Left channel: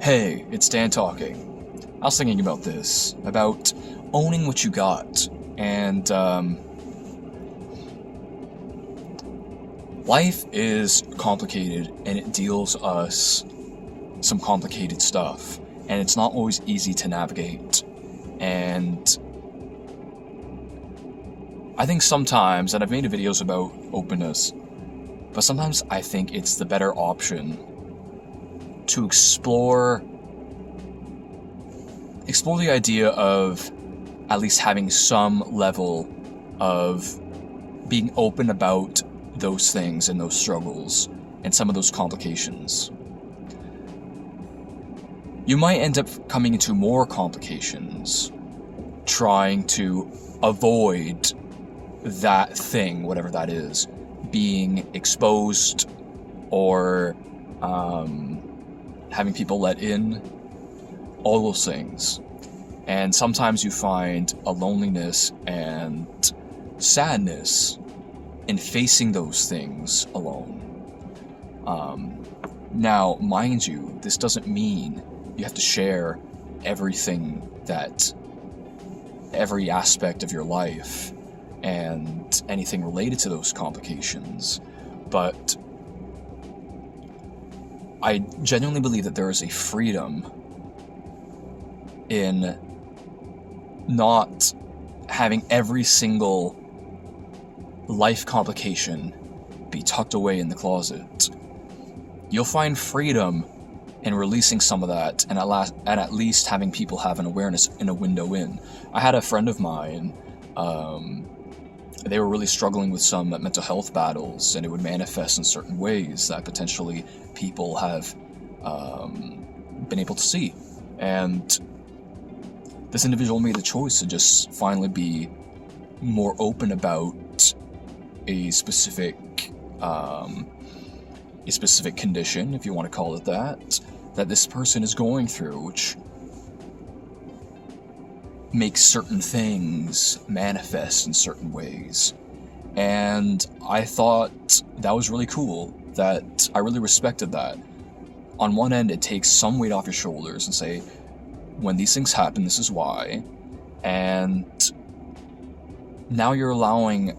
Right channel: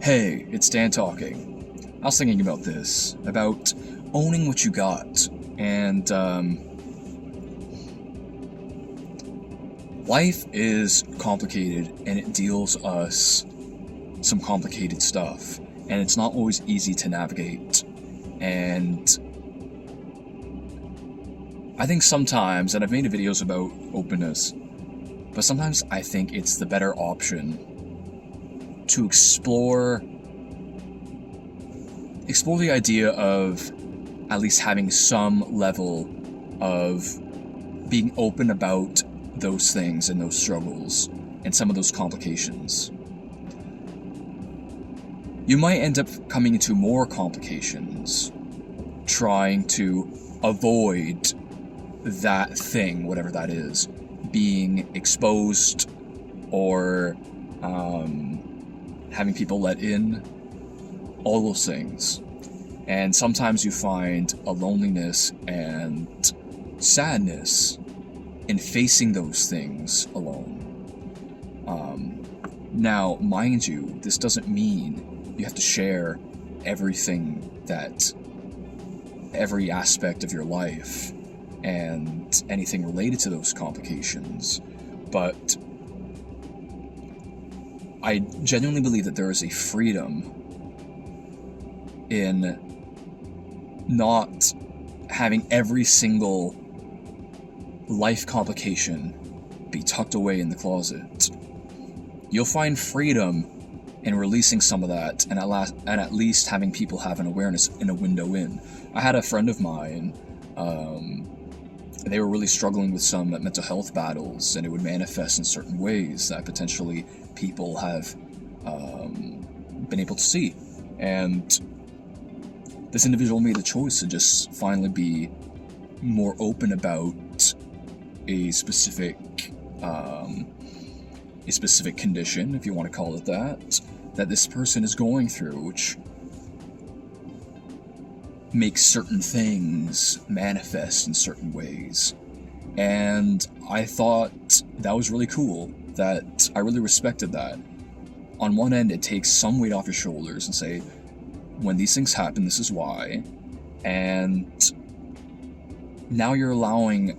Hey, it's Dan talking. I was thinking about this, about owning what you got, and life is complicated and it deals us some complicated stuff, and it's not always easy to navigate. And I think sometimes, and I've made videos about openness, but sometimes I think it's the better option to explore the idea of at least having some level of being open about those things and those struggles and some of those complications. You might end up coming into more complications trying to avoid that thing, whatever that is, being exposed or having people let in, all those things. And sometimes you find a loneliness and sadness in facing those things alone. Now, mind you, this doesn't mean you have to share everything every aspect of your life and anything related to those complications, but I genuinely believe that there is a freedom in not having every single life complication be tucked away in the closet. You'll find freedom in releasing some of that and at least having people have an awareness and a window in. I had a friend of mine, they were really struggling with some mental health battles, and it would manifest in certain ways that potentially people have been able to see. And this individual made the choice to just finally be more open about a specific condition, if you want to call it that this person is going through, which makes certain things manifest in certain ways. And I thought that was really cool, that I really respected that. On one end, it takes some weight off your shoulders and say, when these things happen, this is why. And now you're allowing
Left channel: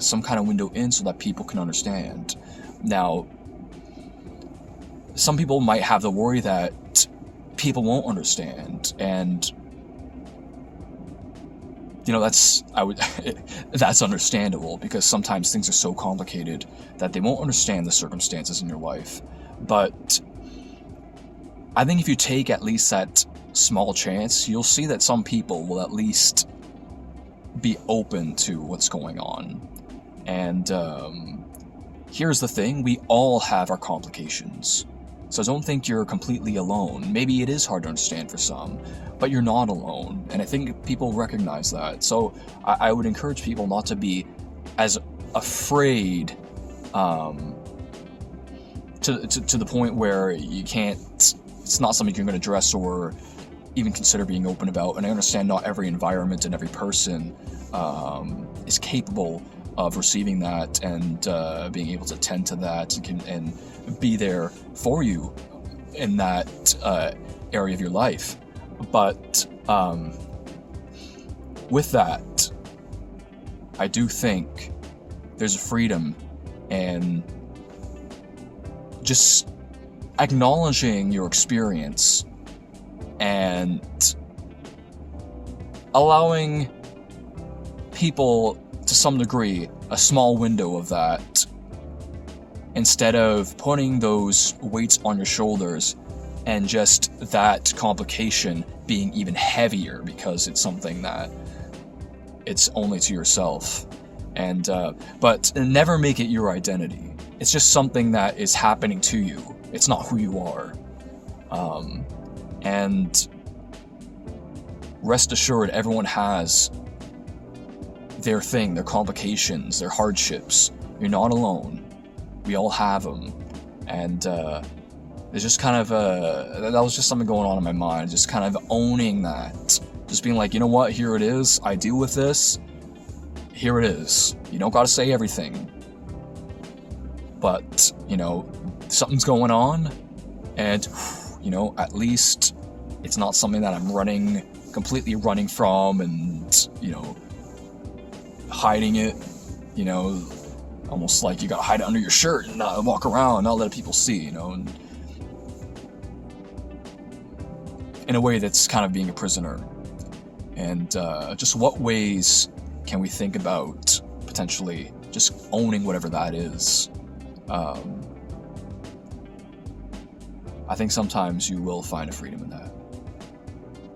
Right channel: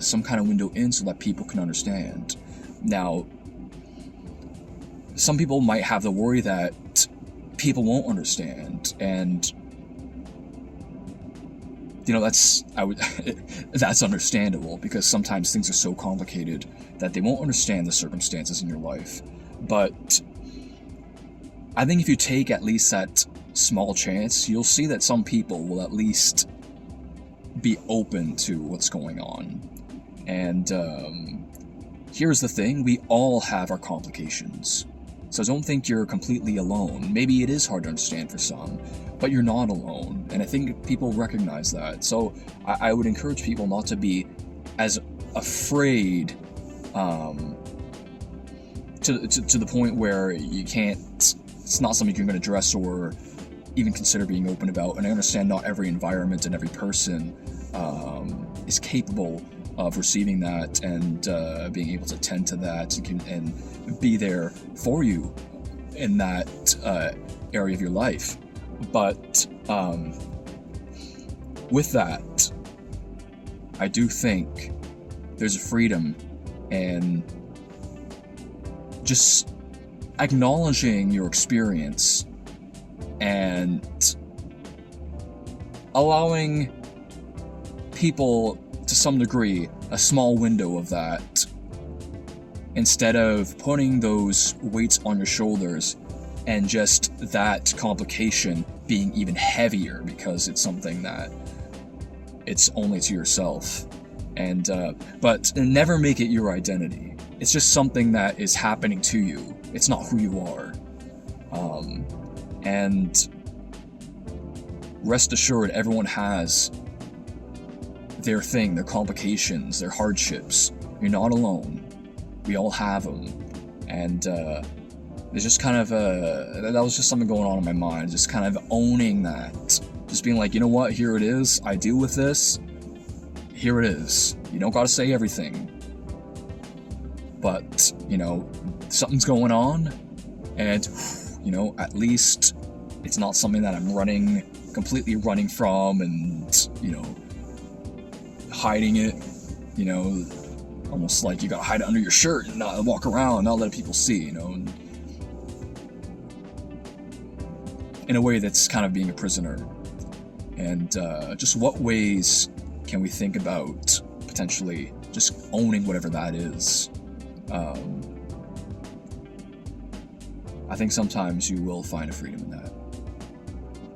some kind of window in so that people can understand. Now, some people might have the worry that people won't understand, and that's understandable, because sometimes things are so complicated that they won't understand the circumstances in your life. But I think if you take at least that small chance, you'll see that some people will at least be open to what's going on. And here's the thing, we all have our complications. So don't think you're completely alone. Maybe it is hard to understand for some, but you're not alone. And I think people recognize that. So I would encourage people not to be as afraid to the point where you can't, it's not something you're going to address or even consider being open about. And I understand not every environment and every person is capable of receiving that and being able to tend to that and be there for you in that area of your life. But with that, I do think there's a freedom in just acknowledging your experience and allowing people, to some degree, a small window of that, instead of putting those weights on your shoulders and just that complication being even heavier because it's something that it's only to yourself. And but never make it your identity. It's just something that is happening to you. It's not who you are. And rest assured, everyone has their thing, their complications, their hardships. You're not alone. We all have them. And there's just kind of that was just something going on in my mind, just kind of owning that. Just being like, you know what, here it is, I deal with this, here it is. You don't gotta say everything. But, something's going on, and You know, at least it's not something that I'm completely running from and, you know, hiding it, you know, almost like you gotta hide it under your shirt and not walk around, not let people see, you know, and in a way that's kind of being a prisoner. And just what ways can we think about potentially just owning whatever that is? I think sometimes you will find a freedom in that.